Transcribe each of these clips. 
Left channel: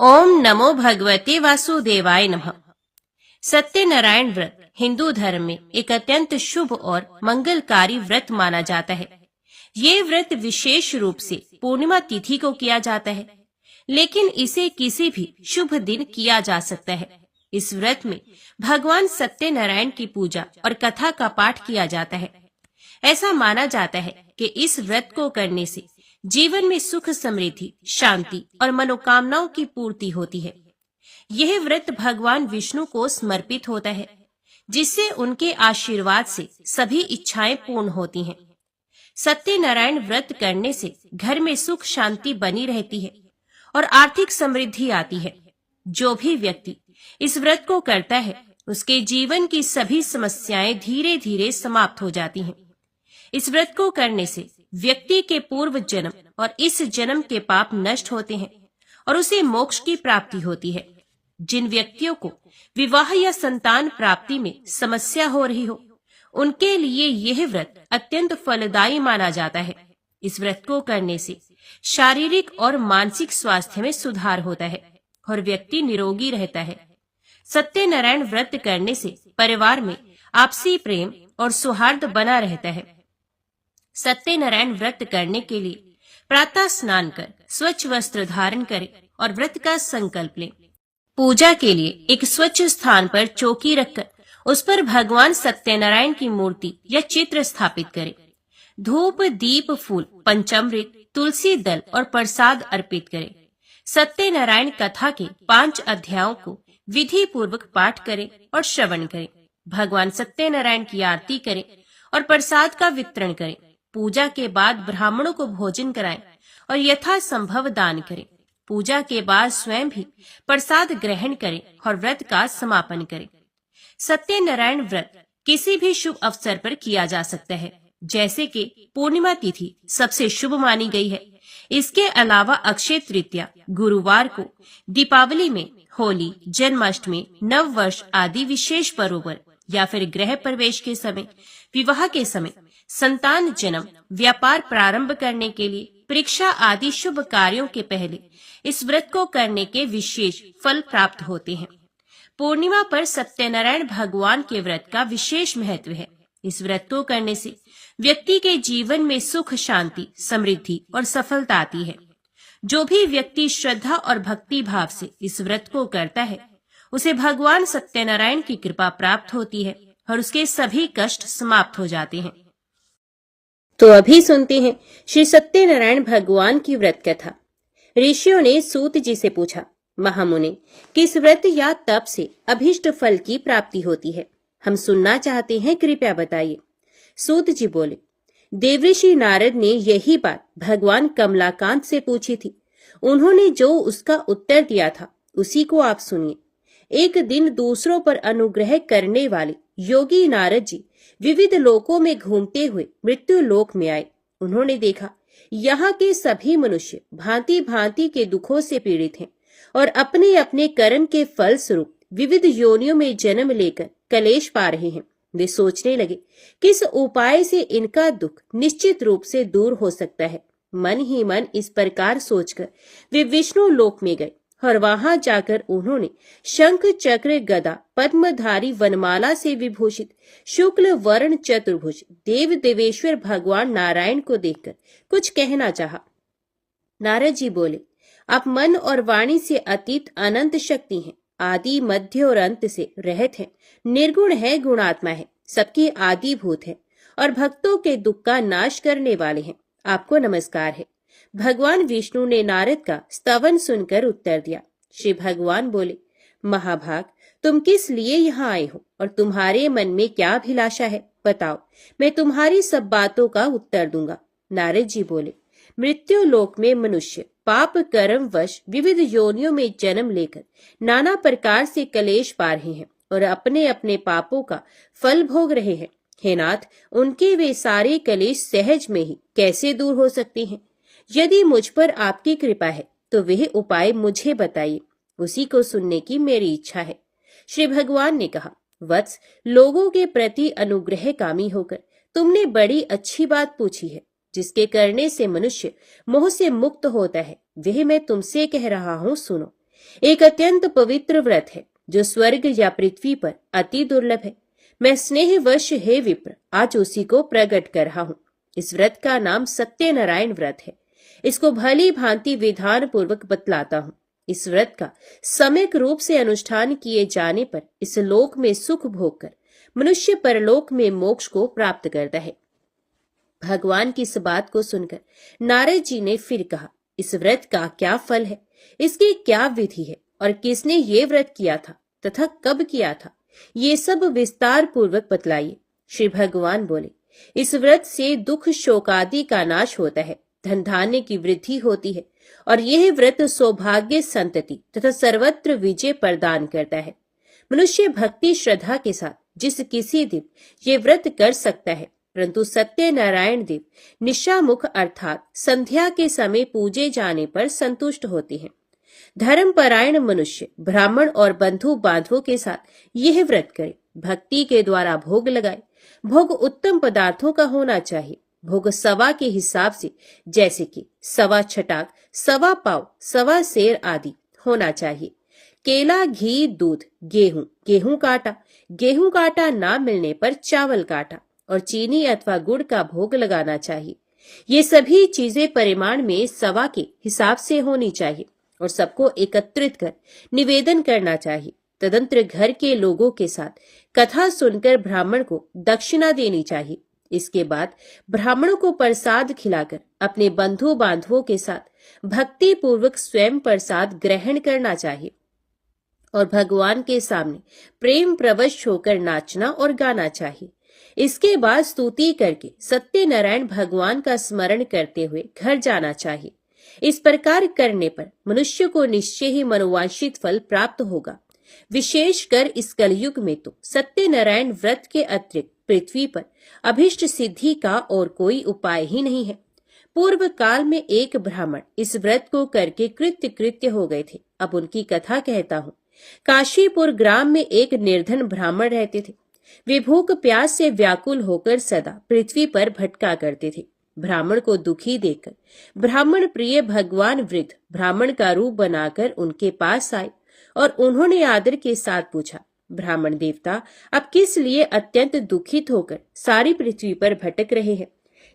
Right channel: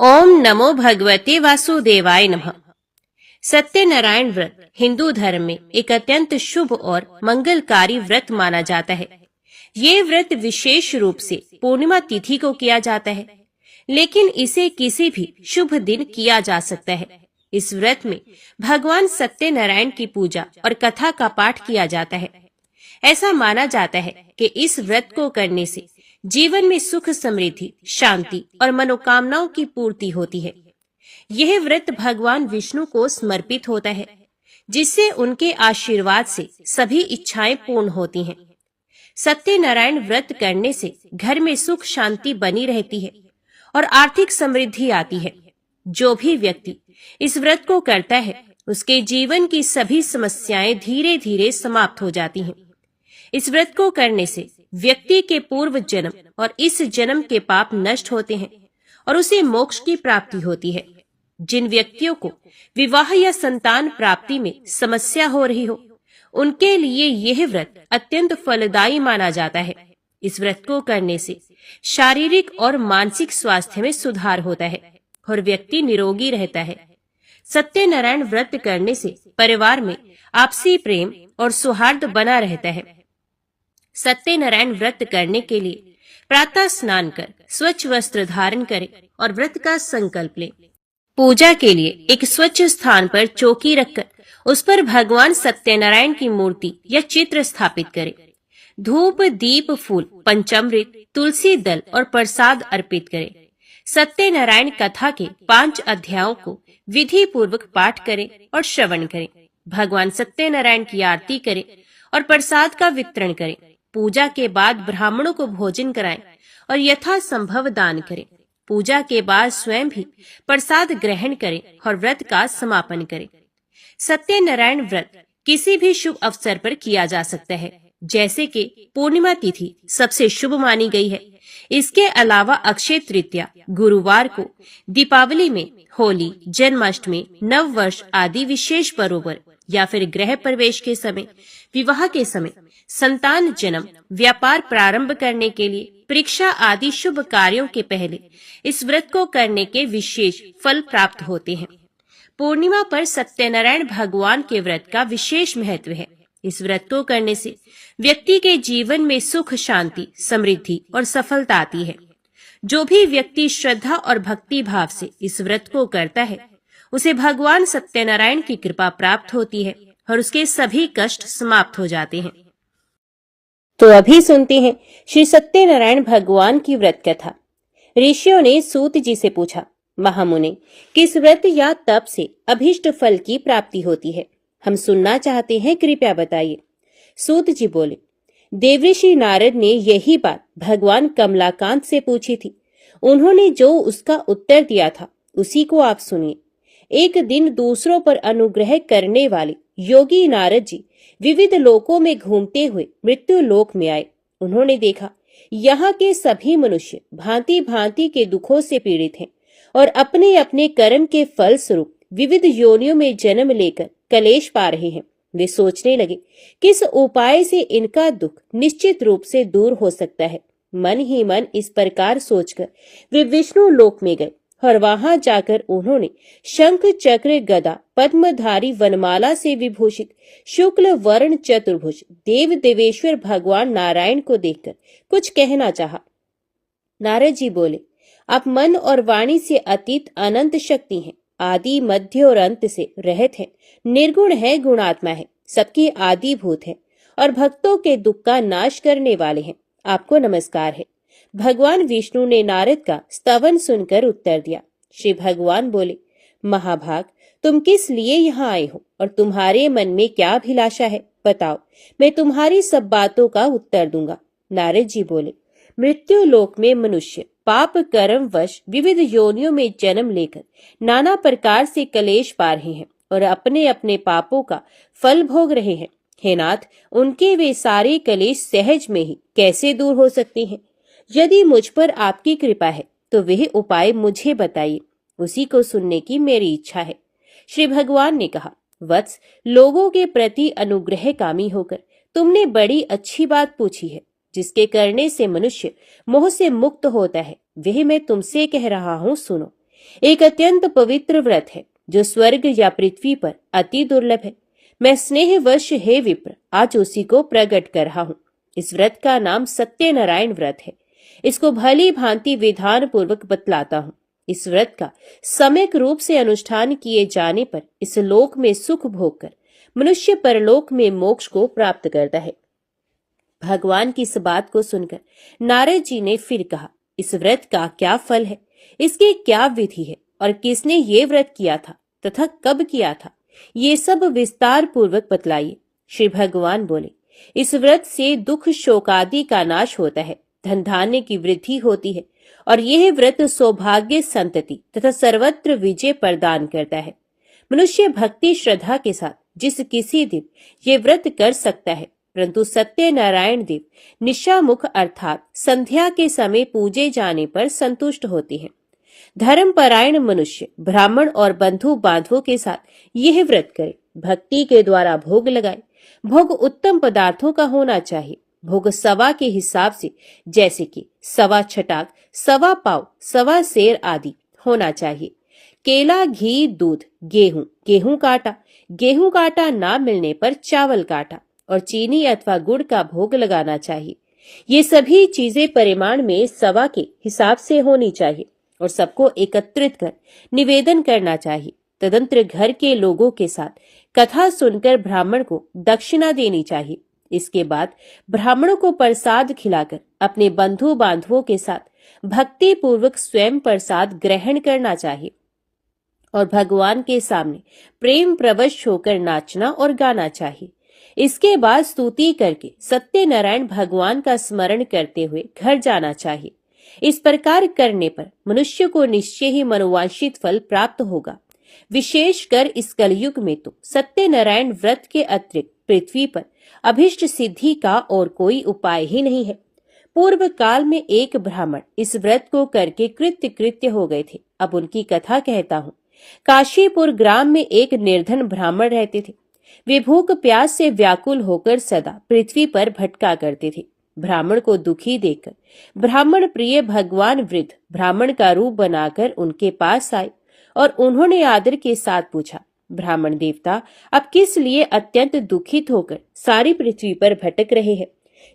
ओम नमो भगवते वासुदेवाय नमः। सत्यनारायण व्रत हिंदू धर्म में एक अत्यंत शुभ और मंगलकारी व्रत माना जाता है। ये व्रत विशेष रूप से पूर्णिमा तिथि को किया जाता है, लेकिन इसे किसी भी शुभ दिन किया जा सकता है। इस व्रत में भगवान सत्यनारायण की पूजा और कथा का पाठ किया जाता है। ऐसा माना जाता है कि इस व्रत को करने से जीवन में सुख, समृद्धि, शांति और मनोकामनाओं की पूर्ति होती है। यह व्रत भगवान विष्णु को समर्पित होता है, जिससे उनके आशीर्वाद से सभी इच्छाएं पूर्ण होती हैं। सत्यनारायण व्रत करने से घर में सुख शांति बनी रहती है और आर्थिक समृद्धि आती है। जो भी व्यक्ति इस व्रत को करता है, उसके जीवन की सभी समस्याएं धीरे धीरे समाप्त हो जाती हैं। इस व्रत को करने से व्यक्ति के पूर्व जन्म और इस जन्म के पाप नष्ट होते हैं और उसे मोक्ष की प्राप्ति होती है। जिन व्यक्तियों को विवाह या संतान प्राप्ति में समस्या हो रही हो, उनके लिए यह व्रत अत्यंत फलदायी माना जाता है। इस व्रत को करने से शारीरिक और मानसिक स्वास्थ्य में सुधार होता है और व्यक्ति निरोगी रहता है। सत्यनारायण व्रत करने से परिवार में आपसी प्रेम और सौहार्द बना रहता है। सत्यनारायण व्रत करने के लिए प्रातः स्नान कर स्वच्छ वस्त्र धारण करें और व्रत का संकल्प लें। पूजा के लिए एक स्वच्छ स्थान पर चौकी रखकर उस पर भगवान सत्यनारायण की मूर्ति या चित्र स्थापित करें। धूप, दीप, फूल, पंचामृत, तुलसी दल और प्रसाद अर्पित करें। सत्यनारायण कथा के 5 अध्यायों को विधि पूर्वक पाठ करें और श्रवण करें। भगवान सत्यनारायण की आरती करें और प्रसाद का वितरण करें। पूजा के बाद ब्राह्मणों को भोजन कराएं और यथासंभव दान करें। पूजा के बाद स्वयं भी प्रसाद ग्रहण करें और व्रत का समापन करें। सत्यनारायण व्रत किसी भी शुभ अवसर पर किया जा सकता है, जैसे कि पूर्णिमा तिथि सबसे शुभ मानी गई है। इसके अलावा अक्षय तृतीया, गुरुवार को, दीपावली में, होली, जन्माष्टमी, नव वर्ष आदि विशेष पर्वों पर या फिर गृह प्रवेश के समय, विवाह के समय, संतान जन्म, व्यापार प्रारंभ करने के लिए, परीक्षा आदि शुभ कार्यों के पहले इस व्रत को करने के विशेष फल प्राप्त होते हैं। पूर्णिमा पर सत्यनारायण भगवान के व्रत का विशेष महत्व है। इस व्रत को करने से व्यक्ति के जीवन में सुख, शांति, समृद्धि और सफलता आती है। जो भी व्यक्ति श्रद्धा और भक्ति भाव से इस व्रत को करता है, उसे भगवान सत्यनारायण की कृपा प्राप्त होती है और उसके सभी कष्ट समाप्त हो जाते हैं। तो अभी सुनते हैं श्री सत्यनारायण भगवान की व्रत कथा। ऋषियों ने सूत जी से पूछा, महामुनि, किस व्रत या तप से अभीष्ट फल की प्राप्ति होती है? हम सुनना चाहते हैं, कृपया बताइए। सूत जी बोले, देवऋषि नारद ने यही बात भगवान कमलाकांत से पूछी थी। उन्होंने जो उसका उत्तर दिया था, उसी को आप सुनिए। एक दिन दूसरों पर अनुग्रह करने वाले योगी नारद जी विविध लोकों में घूमते हुए मृत्यु लोक में आए। उन्होंने देखा, यहाँ के सभी मनुष्य भांति भांति के दुखों से पीड़ित हैं और अपने अपने कर्म के फल स्वरूप विविध योनियों में जन्म लेकर कलेश पा रहे हैं। वे सोचने लगे, किस उपाय से इनका दुख निश्चित रूप से दूर हो सकता है। मन ही मन इस प्रकार सोचकर वे विष्णु लोक में गए और वहां जाकर उन्होंने शंख, चक्र, गदा, पद्मधारी, वनमाला से विभूषित शुक्ल वर्ण चतुर्भुज देव देवेश्वर भगवान नारायण को देखकर कुछ कहना चाहा। नारद जी बोले, आप मन और वाणी से अतीत अनंत शक्ति हैं, आदि, मध्य और अंत से रहित हैं, निर्गुण है, गुणात्मा है, सबके आदि भूत है और भक्तों के दुख का नाश करने वाले हैं। आपको नमस्कार है। भगवान विष्णु ने नारद का स्तवन सुनकर उत्तर दिया। श्री भगवान बोले, महाभाग, तुम किस लिए यहाँ आए हो और तुम्हारे मन में क्या अभिलाषा है? बताओ, मैं तुम्हारी सब बातों का उत्तर दूंगा। नारद जी बोले, मृत्यु लोक में मनुष्य पाप कर्म वश विविध योनियों में जन्म लेकर नाना प्रकार से कलेश पा रहे हैं और अपने अपने पापों का फल भोग रहे हैं। हे नाथ, उनके वे सारे कलेश सहज में ही कैसे दूर हो सकते हैं? यदि मुझ पर आपकी कृपा है तो वह उपाय मुझे बताइए, उसी को सुनने की मेरी इच्छा है। श्री भगवान ने कहा, वत्स, लोगों के प्रति अनुग्रह कामी होकर तुमने बड़ी अच्छी बात पूछी है। जिसके करने से मनुष्य मोह से मुक्त होता है, वह मैं तुमसे कह रहा हूँ, सुनो। एक अत्यंत पवित्र व्रत है जो स्वर्ग या पृथ्वी पर अति दुर्लभ है। मैं स्नेहवश हे विप्र आज उसी को प्रकट कर रहा हूँ। इस व्रत का नाम सत्यनारायण व्रत है। इसको भली भांति विधान पूर्वक बतलाता हूँ। इस व्रत का सम्यक रूप से अनुष्ठान किए जाने पर इस लोक में सुख भोग कर मनुष्य परलोक में मोक्ष को प्राप्त करता है। भगवान की इस बात को सुनकर नारद जी ने फिर कहा, इस व्रत का क्या फल है, इसकी क्या विधि है और किसने ये व्रत किया था तथा कब किया था, ये सब विस्तार पूर्वक बतलाइए। श्री भगवान बोले, इस व्रत से दुख शोकादि का नाश होता है, धन धान्य की वृद्धि होती है और यह व्रत सौभाग्य संतति तथा सर्वत्र विजय प्रदान करता है। मनुष्य भक्ति श्रद्धा के साथ जिस किसी दिन ये व्रत कर सकता है, परंतु सत्यनारायण देव निशामुख अर्थात संध्या के समय पूजे जाने पर संतुष्ट होते हैं। धर्मपरायण मनुष्य ब्राह्मण और बंधु बांधवों के साथ यह व्रत करे, भक्ति के द्वारा भोग लगाए। भोग उत्तम पदार्थों का होना चाहिए। भोग सवा के हिसाब से, जैसे कि सवा छटाक, सवा पाव, सवा सेर आदि होना चाहिए। केला, घी, दूध, गेहूं, गेहूं काटा, गेहूं काटा ना मिलने पर चावल काटा और चीनी अथवा गुड़ का भोग लगाना चाहिए। ये सभी चीजें परिमाण में सवा के हिसाब से होनी चाहिए और सबको एकत्रित कर निवेदन करना चाहिए। तदंतर घर के लोगों के साथ कथा सुनकर ब्राह्मण को दक्षिणा देनी चाहिए। इसके बाद ब्राह्मणों को प्रसाद खिलाकर अपने बंधु बांधवों के साथ भक्ति पूर्वक स्वयं प्रसाद ग्रहण करना चाहिए और भगवान के सामने प्रेम प्रवश होकर नाचना और गाना चाहिए। इसके बाद स्तुति करके सत्यनारायण भगवान का स्मरण करते हुए घर जाना चाहिए। इस प्रकार करने पर मनुष्य को निश्चय ही मनोवांछित फल प्राप्त होगा। विशेषकर इस कलयुग में तो सत्यनारायण व्रत के अतिरिक्त पृथ्वी पर अभिष्ट सिद्धि का और कोई उपाय ही नहीं है। पूर्व काल में एक ब्राह्मण इस व्रत को करके कृत्य हो गए थे। अब उनकी कथा कहता हूँ। काशीपुर ग्राम में एक निर्धन ब्राह्मण रहते थे। वे भूख प्यास से व्याकुल होकर सदा पृथ्वी पर भटका करते थे। ब्राह्मण को दुखी देखकर ब्राह्मण प्रिय भगवान वृद्ध ब्राह्मण का रूप बनाकर उनके पास आए और उन्होंने आदर के साथ पूछा, ब्राह्मण देवता, आप किस लिए अत्यंत दुखित होकर सारी पृथ्वी पर भटक रहे हैं?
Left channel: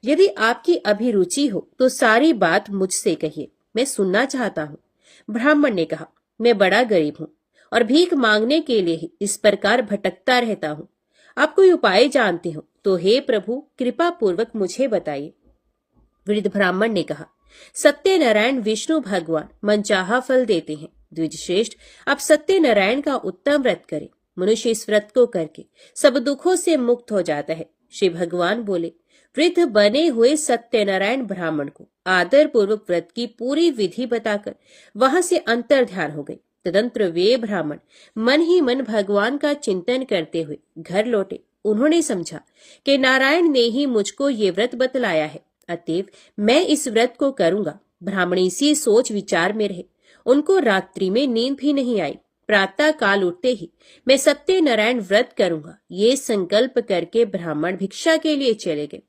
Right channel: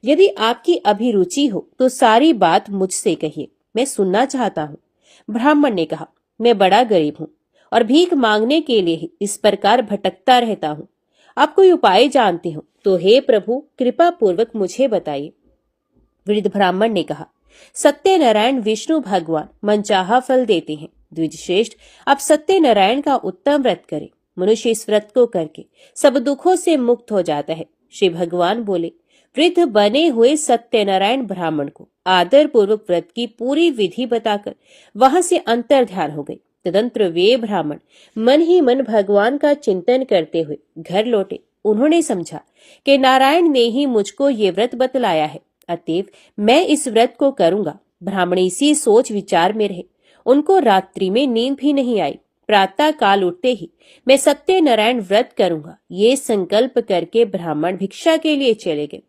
यदि आपकी अभिरुचि हो तो सारी बात मुझसे कहिए, मैं सुनना चाहता हूँ। ब्राह्मण ने कहा, मैं बड़ा गरीब हूँ और भीख मांगने के लिए ही इस प्रकार भटकता रहता हूँ। आप कोई उपाय जानते हो तो हे प्रभु कृपा पूर्वक मुझे बताइए। वृद्ध ब्राह्मण ने कहा, सत्यनारायण विष्णु भगवान मनचाहा फल देते हैं। द्विजश्रेष्ठ, आप सत्यनारायण का उत्तम व्रत करें। मनुष्य इस व्रत को करके सब दुखों से मुक्त हो जाता है। श्री भगवान बोले, वृद्ध बने हुए सत्यनारायण ब्राह्मण को आदर पूर्वक व्रत की पूरी विधि बताकर वहां से अंतर ध्यान हो गई। तदंतर वे ब्राह्मण मन ही मन भगवान का चिंतन करते हुए घर लौटे। उन्होंने समझा कि नारायण ने ही मुझको ये व्रत बतलाया है, अतएव मैं इस व्रत को करूंगा। ब्राह्मण इसी सोच विचार में रहे। उनको रात्रि में नींद भी नहीं आई। प्रातः काल उठते ही मैं सत्यनारायण व्रत करूंगा, ये संकल्प करके ब्राह्मण भिक्षा के लिए चले गए।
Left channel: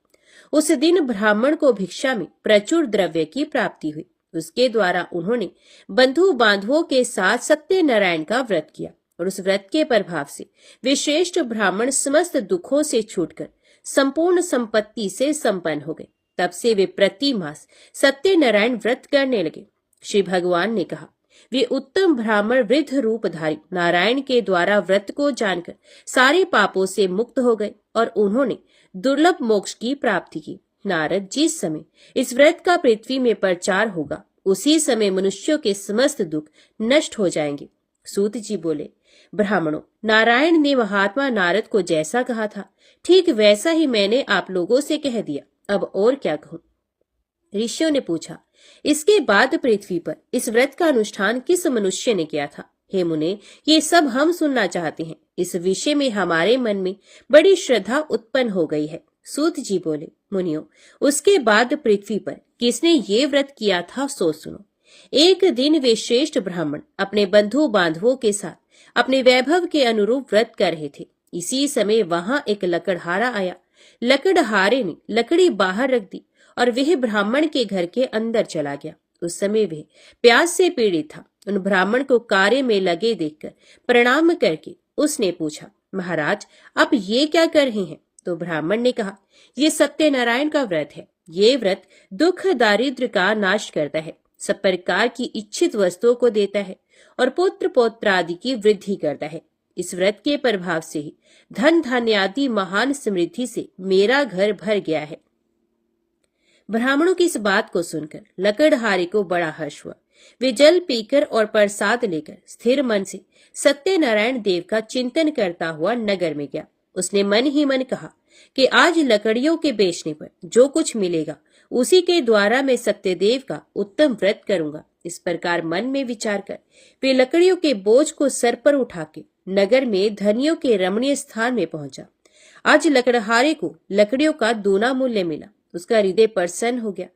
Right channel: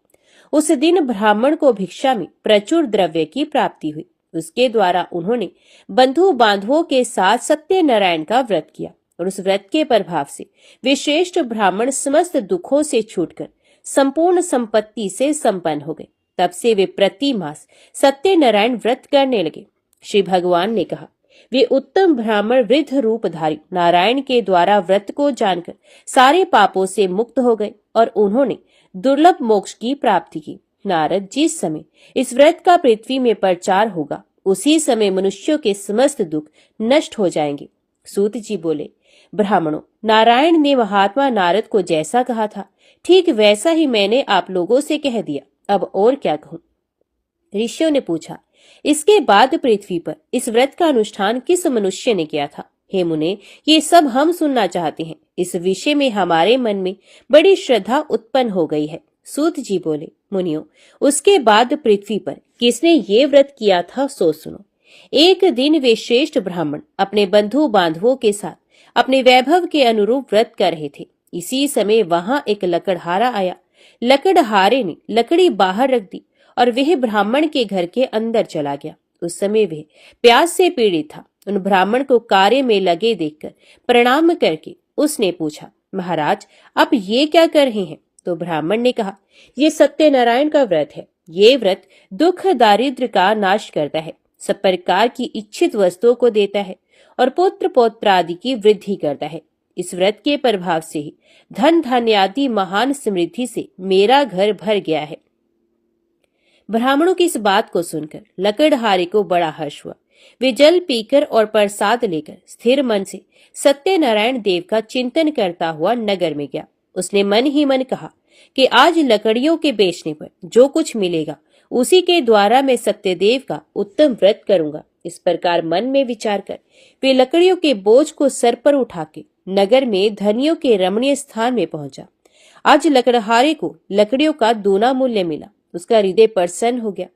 उस दिन ब्राह्मण को भिक्षा में प्रचुर द्रव्य की प्राप्ति हुई। उसके द्वारा उन्होंने बंधु बांधवों के साथ सत्यनारायण का व्रत किया और उस व्रत के प्रभाव से वे श्रेष्ठ ब्राह्मण समस्त दुखों से छूटकर संपूर्ण संपत्ति से संपन्न हो गए। तब से वे प्रति मास सत्यनारायण व्रत करने लगे। श्री भगवान ने कहा, वे उत्तम ब्राह्मण वृद्ध रूपधारी नारायण के द्वारा व्रत को जानकर सारे पापों से मुक्त हो गए और उन्होंने दुर्लभ मोक्ष की प्राप्ति की। नारद, जिस समय इस व्रत का पृथ्वी में प्रचार होगा उसी समय मनुष्यों के समस्त दुख नष्ट हो जाएंगे। सूत जी बोले, ब्राह्मणों, नारायण ने महात्मा नारद को जैसा कहा था ठीक वैसा ही मैंने आप लोगों से कह दिया, अब और क्या कहूँ। ऋषियों ने पूछा, इसके बाद पृथ्वी पर इस व्रत का अनुष्ठान किस मनुष्य ने किया था? हे मुने, ये सब हम सुनना चाहते हैं। इस विषय में हमारे मन में बड़ी श्रद्धा उत्पन्न हो गई है। सूत जी बोले, मुनियों, उसके बाद पृथ्वी पर किसने ये व्रत किया था सो सुनो। एक दिन वे श्रेष्ठ ब्राह्मण अपने बंधु बांधवों के साथ अपने वैभव के अनुरूप व्रत कर रहे थे। इसी समय वहां एक लकड़हारा आया। लकड़हारे ने लकड़ी बाहर रख दी और वह ब्राह्मण के घर के अंदर चला गया। उस समय वह प्यास से पीड़ित था। उन ब्राह्मण को कार्य में लगे देखकर प्रणाम करके उसने पूछा, महाराज आप ये क्या कर रहे हैं? तो ब्राह्मण ने कहा, ये सत्यनारायण का व्रत है। ये व्रत दुख दारिद्र्य का नाश करता है, सब प्रकार की इच्छित वस्तुओं को देता है और पुत्र पौत्र आदि की वृद्धि करता है। इस व्रत के प्रभाव से ही धन धान्य आदि महान समृद्धि से मेरा घर भर गया है। ब्राह्मणों की इस बात को सुनकर लकड़हारे को बड़ा हर्ष हुआ। वे जल पीकर और प्रसाद लेकर स्थिर मन से सत्यनारायण देव का चिंतन करता हुआ नगर में गया। उसने मन ही मन कहा कि आज लकड़ियों के बेचने पर जो कुछ मिलेगा उसी के द्वारा मैं सत्यदेव का उत्तम व्रत करूंगा। इस प्रकार मन में विचार कर वे लकड़ियों के बोझ को सर पर उठा के नगर में धनियों के रमणीय स्थान में पहुंचा। आज लकड़हारे को लकड़ियों का दूना मूल्य मिला। उसका हृदय प्रसन्न हो गया।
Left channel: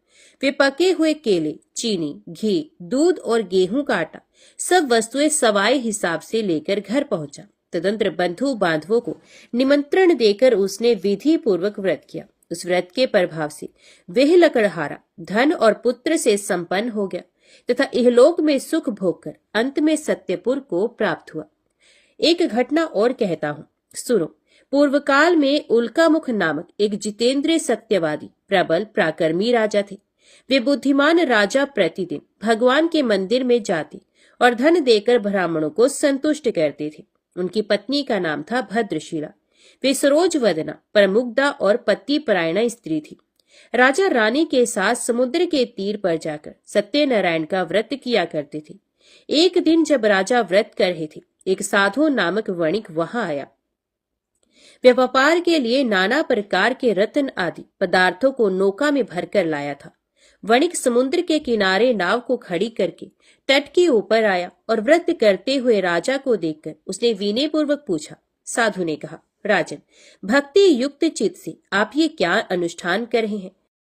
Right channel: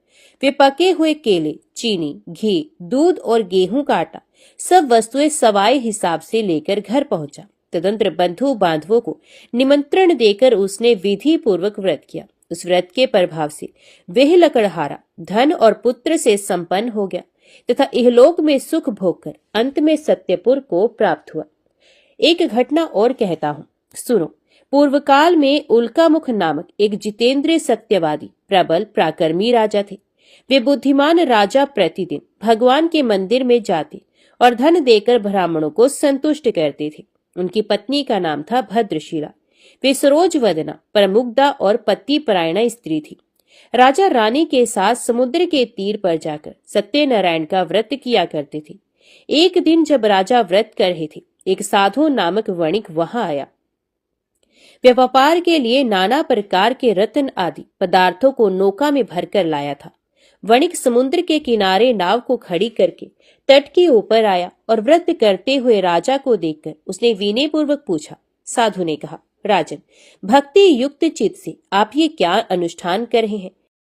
वे पके हुए केले, चीनी, घी, दूध और गेहूं का आटा सब वस्तुएं सवाए हिसाब से लेकर घर पहुंचा। तदंतर बंधु बांधवों को निमंत्रण देकर उसने विधि पूर्वक व्रत किया। उस व्रत के प्रभाव से वह लकड़हारा धन और पुत्र से संपन्न हो गया तथा इहलोक में सुख भोगकर अंत में सत्यपुर को प्राप्त हुआ। एक घटना और कहता हूँ, सुनो। पूर्व काल में उल्कामुख नामक एक जितेंद्रिय सत्यवादी प्रबल पराक्रमी राजा थे। वे बुद्धिमान राजा प्रतिदिन भगवान के मंदिर में जाते और धन देकर ब्राह्मणों को संतुष्ट करते थे। उनकी पत्नी का नाम था भद्रशिला। वे सरोज वदना, प्रमुग्धा और पति परायणा स्त्री थी। राजा रानी के साथ समुद्र के तीर पर जाकर सत्यनारायण का व्रत किया करते थे। एक दिन जब राजा व्रत कर रहे थे, एक साधु नामक वणिक वहां आया। वे व्यापार के लिए नाना प्रकार के रत्न आदि पदार्थों को नौका में भरकर लाया था। वणिक समुद्र के किनारे नाव को खड़ी करके तट के ऊपर आया और व्रत करते हुए राजा को देखकर उसने विनय पूर्वक पूछा। साधु ने कहा, राजन, भक्ति युक्त चित्त से आप ये क्या अनुष्ठान कर रहे हैं?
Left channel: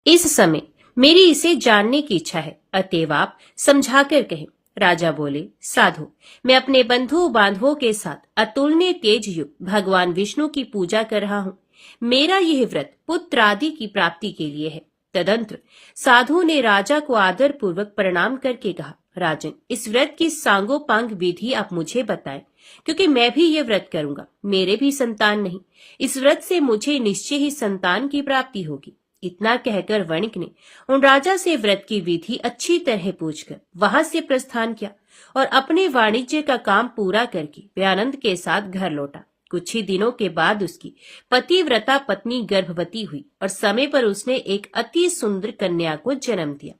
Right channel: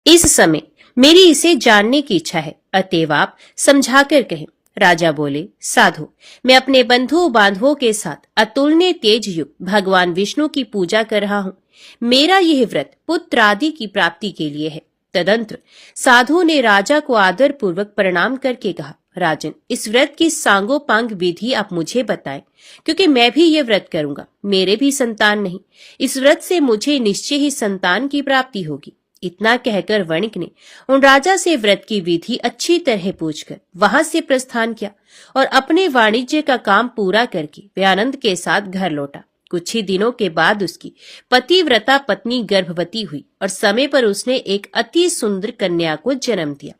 इस समय मेरी इसे जानने की इच्छा है, अतएव आप समझाकर कहें। राजा बोले, साधु, मैं अपने बंधु बांधवों के साथ अतुलनीय तेज युक्त भगवान विष्णु की पूजा कर रहा हूँ। मेरा यह व्रत पुत्र आदि की प्राप्ति के लिए है। तदंतर साधु ने राजा को आदर पूर्वक प्रणाम करके कहा, राजन, इस व्रत की सांगोपांग विधि आप मुझे बताएं, क्योंकि मैं भी ये व्रत करूंगा। मेरे भी संतान नहीं। इस व्रत से मुझे निश्चय ही संतान की प्राप्ति होगी। इतना कहकर वणिक ने उन राजा से व्रत की विधि अच्छी तरह पूछकर वहां से प्रस्थान किया और अपने वाणिज्य का काम पूरा करके वे आनंद के साथ घर लौटा। कुछ ही दिनों के बाद उसकी पतिव्रता पत्नी गर्भवती हुई और समय पर उसने एक अति सुंदर कन्या को जन्म दिया।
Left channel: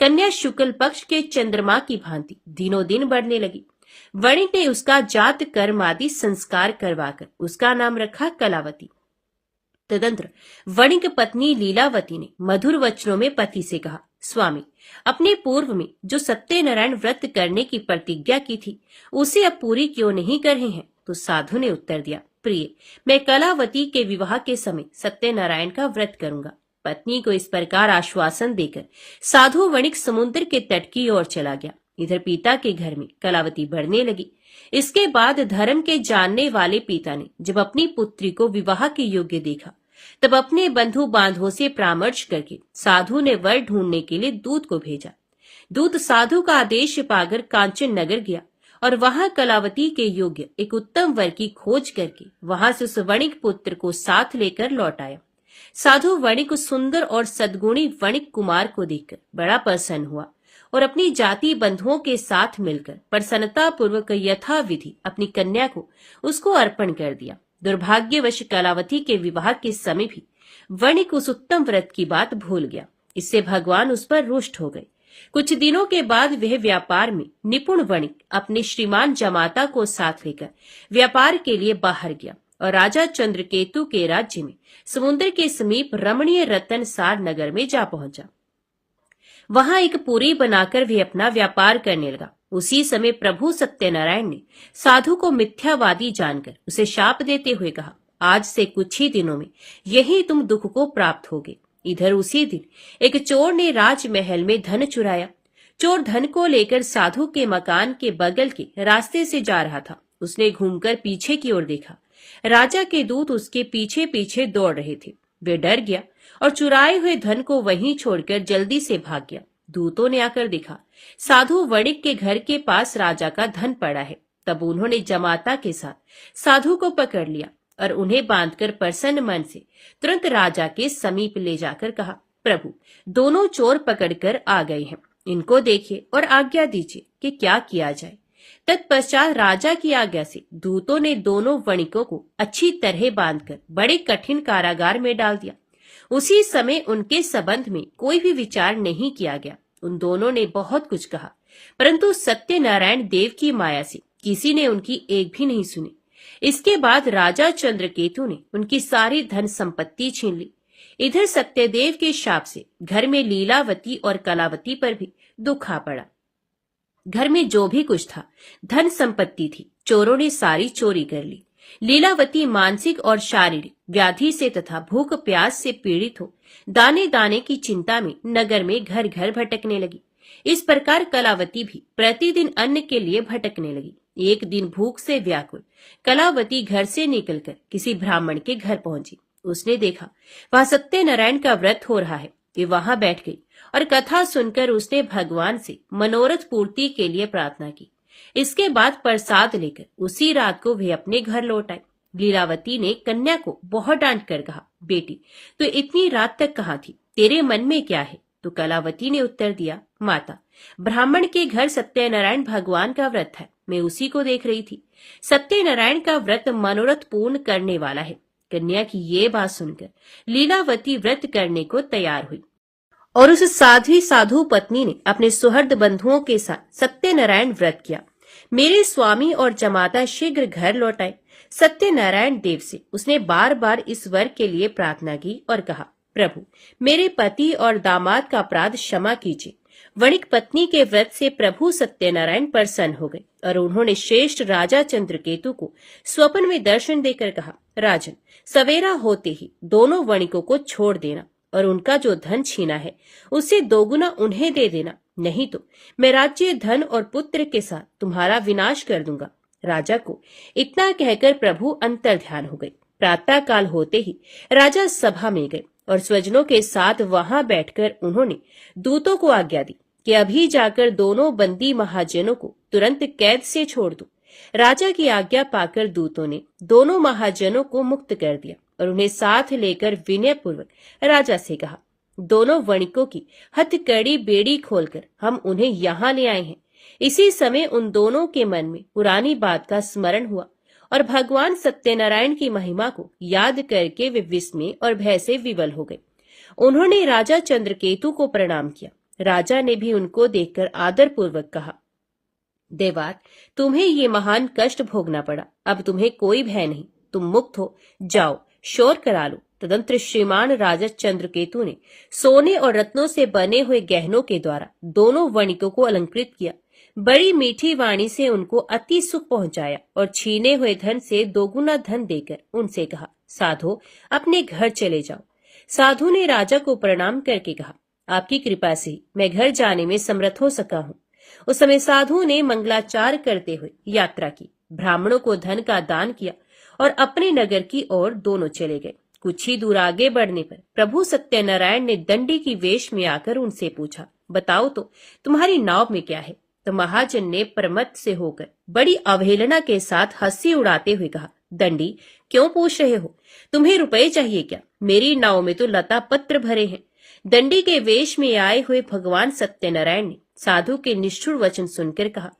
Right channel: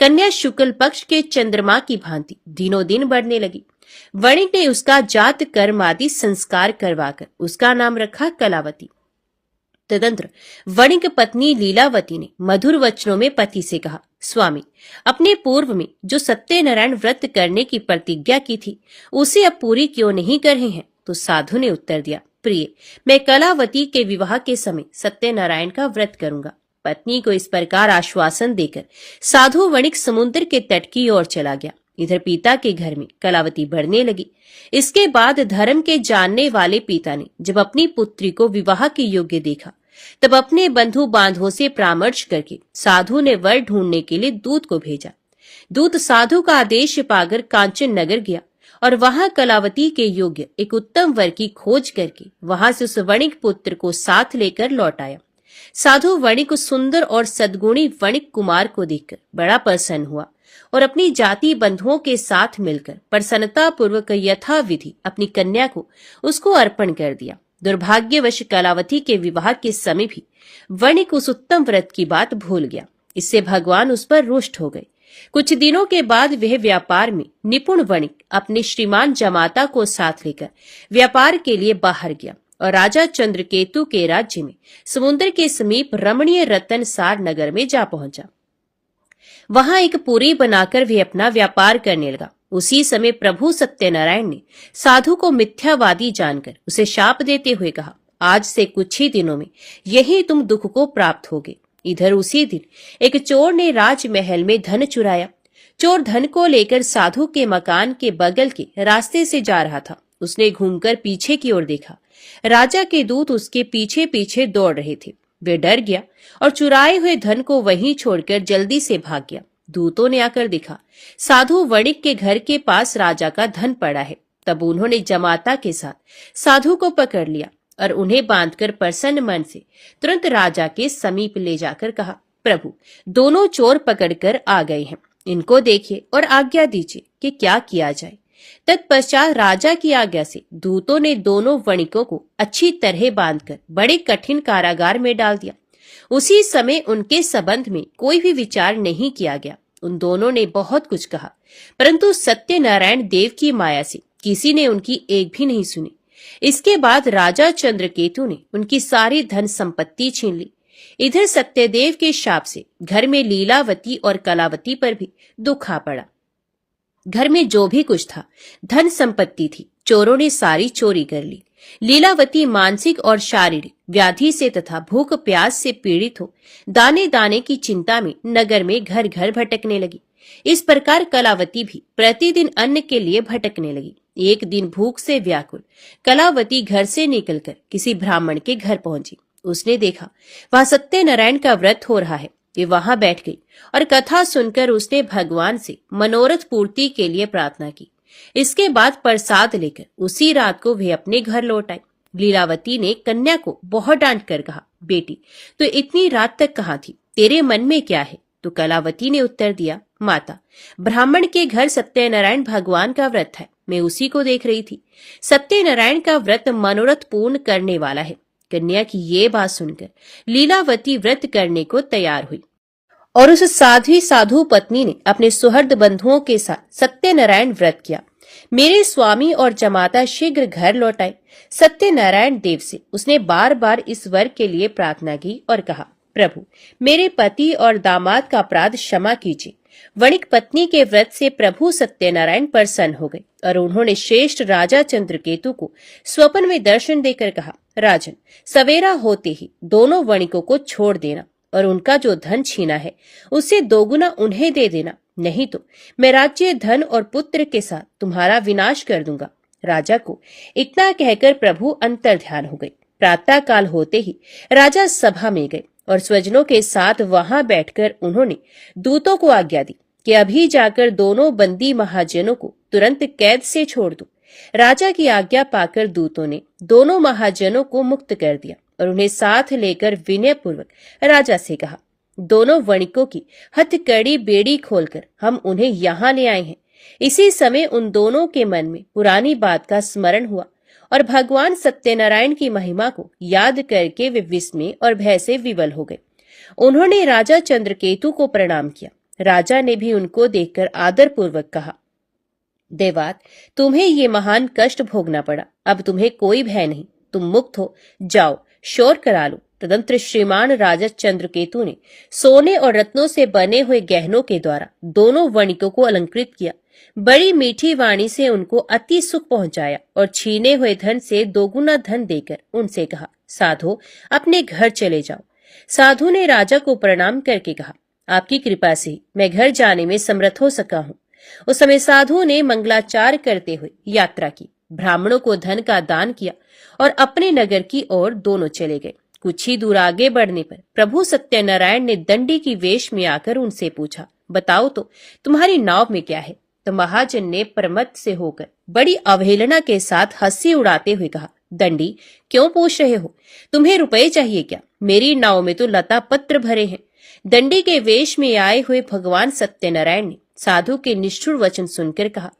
कन्या शुक्ल पक्ष के चंद्रमा की भांति दिनों दिन बढ़ने लगी। वणिक ने उसका जात कर्म आदि संस्कार करवाकर उसका नाम रखा कलावती। तदंतर वणिक पत्नी लीलावती ने मधुर वचनों में पति से कहा, स्वामी, अपने पूर्व में जो सत्यनारायण व्रत करने की प्रतिज्ञा की थी उसे अब पूरी क्यों नहीं कर रहे हैं? तो साधु ने उत्तर दिया, प्रिय, मैं कलावती के विवाह के समय सत्यनारायण का व्रत करूंगा। पत्नी को इस प्रकार आश्वासन देकर साधु वणिक समुद्र के तट की ओर चला गया। इधर पिता के घर में कलावती बढ़ने लगी। इसके बाद धर्म के जानने वाले पिता ने जब अपनी पुत्री को विवाह के योग्य देखा, तब अपने बंधु बांधवों से परामर्श करके साधु ने वर ढूंढने के लिए दूत को भेजा। दूत साधु का आदेश पाकर कांचन नगर गया और वहां कलावती के योग्य एक उत्तम वर की खोज करके वहां से उस वणिक पुत्र को साथ लेकर लौट आया। साधु वणिक उस सुंदर और सद्गुणी वणिक कुमार को देखकर बड़ा प्रसन्न हुआ और अपनी जाति बंधुओं के साथ मिलकर प्रसन्नता पूर्वक यथा विधि अपनी कन्या को उसको अर्पण कर दिया। दुर्भाग्यवश कलावती के विवाह के समय भी वणिक उस उत्तम व्रत की बात भूल गया। इससे भगवान उस पर रुष्ट हो गए। कुछ दिनों के बाद वह व्यापार में निपुण वणिक अपने श्रीमान जमाता को साथ लेकर व्यापार के लिए बाहर गया और राजा चंद्रकेतु के राज्य में समुद्र के समीप रमणीय रतनसार नगर में जा पहुंचा। वहां एक पुरी बनाकर वे अपना व्यापार करने लगा। उसी समय प्रभु सत्यनारायण ने साधु को मिथ्यावादी जानकर उसे शाप देते हुए कहा, आज से कुछ ही दिनों में यही तुम दुख को प्राप्त होगे। इधर उसी दिन एक चोर ने राजमहल में धन चुराया। चोर धन को लेकर साधु के मकान के बगल के रास्ते से जा रहा था। उसने घूमकर पीछे की ओर देखा। राजा के दूत उसके पीछे पीछे दौड़ रहे थे। वे डर गया और चुराए हुए धन को वहीं छोड़कर जल्दी से भाग गया। दूतों ने आकर देखा साधु वणिक के घर के पास राजा का धन पड़ा है। तब उन्होंने जमाता के साथ साधु को पकड़ लिया और उन्हें बांधकर प्रसन्न मन से तुरंत राजा के समीप ले जाकर कहा, प्रभु, दोनों चोर पकड़कर आ गए हैं, इनको देखिए और आज्ञा दीजिए कि क्या किया जाए। तत्पश्चात राजा की आज्ञा से दूतों ने दोनों वणिकों को अच्छी तरह बांधकर बड़े कठिन कारागार में डाल दिया। उसी समय उनके संबंध में कोई भी विचार नहीं किया गया। उन दोनों ने बहुत कुछ कहा, परंतु सत्यनारायण देव की माया से किसी ने उनकी एक भी नहीं सुनी। इसके बाद राजा चंद्रकेतु ने उनकी सारी धन संपत्ति छीन ली। इधर सत्यदेव के शाप से घर में लीलावती और कलावती पर भी दुख आ पड़ा। घर में जो भी कुछ था, धन संपत्ति थी, चोरों ने सारी चोरी कर ली। लीलावती मानसिक और शारीरिक व्याधि से तथा भूख प्यास से पीड़ित हो दाने दाने की चिंता में नगर में घर घर भटकने लगी। इस प्रकार कलावती भी प्रतिदिन अन्न के लिए भटकने लगी। एक दिन भूख से व्याकुल कलावती घर से निकलकर किसी ब्राह्मण के घर पहुंची। उसने देखा वहां सत्यनारायण का व्रत हो रहा है। वे वहां बैठ गई और कथा सुनकर उसने भगवान से मनोरथ पूर्ति के लिए प्रार्थना की। इसके बाद प्रसाद लेकर उसी रात को वे अपने घर लौट आई। लीलावती ने कन्या को बहुत डांट कर कहा, बेटी, तो इतनी रात तक कहाँ थी? तेरे मन में क्या है? तो कलावती ने उत्तर दिया, माता, ब्राह्मण के घर सत्यनारायण भगवान का व्रत है, मैं उसी को देख रही थी। सत्यनारायण का व्रत मनोरथ पूर्ण करने वाला है। कन्या की ये बात सुनकर लीलावती व्रत करने को तैयार हुई और उस साधु पत्नी ने अपने सुहृद बंधुओं के साथ सत्यनारायण व्रत किया। मेरे स्वामी और जमाता शीघ्र घर लौट आए। सत्यनारायण देव से उसने बार बार इस वर के लिए प्रार्थना की और कहा, प्रभु, मेरे पति और दामाद का अपराध क्षमा कीजिए। वणिक पत्नी के व्रत से प्रभु सत्यनारायण प्रसन्न हो गए और उन्होंने श्रेष्ठ राजा चंद्रकेतु को स्वप्न में दर्शन देकर कहा, राजन, सवेरा होते ही दोनों वणिकों को छोड़ देना और उनका जो धन छीना है उससे दोगुना उन्हें दे देना, नहीं तो मैं राज्य, धन और पुत्र के साथ तुम्हारा विनाश कर दूंगा। राजा को इतना कहकर प्रभु अंतर ध्यान हो गए। प्रातः काल होते ही राजा सभा में गए और स्वजनों के साथ वहां बैठकर उन्होंने दूतों को आज्ञा दी कि अभी जाकर दोनों बंदी महाजनों को तुरंत कैद से छोड़ दो। राजा की आज्ञा पाकर दूतों ने दोनों महाजनों को मुक्त कर दिया और उन्हें साथ लेकर विनय पूर्वक राजा से कहा, दोनों वणिकों की हथकड़ी बेड़ी खोलकर हम उन्हें यहाँ ले आए हैं। इसी समय उन दोनों के मन में पुरानी बात का स्मरण हुआ और भगवान सत्यनारायण की महिमा को याद करके वे विस्मय और भय से विवल हो गए। उन्होंने राजा चंद्रकेतु को प्रणाम किया। राजा ने भी उनको देखकर आदर पूर्वक कहा, देवात, तुम्हें ये महान कष्ट भोगना पड़ा, अब तुम्हें कोई भय नहीं, तुम मुक्त हो, जाओ शोर करा लो। तदंतर श्रीमान राजा चंद्रकेतु ने सोने और रत्नों से बने हुए गहनों के द्वारा दोनों वणिकों को अलंकृत किया। बड़ी मीठी वाणी से उनको अति सुख पहुंचाया और छीने हुए धन से दोगुना धन देकर उनसे कहा, साधो, अपने घर चले जाओ। साधु ने राजा को प्रणाम करके कहा, आपकी कृपा से मैं घर जाने में समर्थ हो सका हूँ। उस समय साधु ने मंगलाचार करते हुए यात्रा की, ब्राह्मणों को धन का दान किया और अपने नगर की ओर दोनों चले गए। कुछ ही दूर आगे बढ़ने पर प्रभु सत्यनारायण ने दंडी की वेश में आकर उनसे पूछा, बताओ तो तुम्हारी नाव में क्या है? तो महाजन ने प्रमत्त से होकर बड़ी अवहेलना के साथ हंसी उड़ाते हुए कहा, दंडी, क्यों पूछ रहे हो? तुम्हें रुपए चाहिए क्या? मेरी नाव में तो लता पत्र भरे हैं। दंडी के वेश में आए हुए भगवान सत्यनारायण ने साधु के निष्ठुर वचन सुनकर कहा,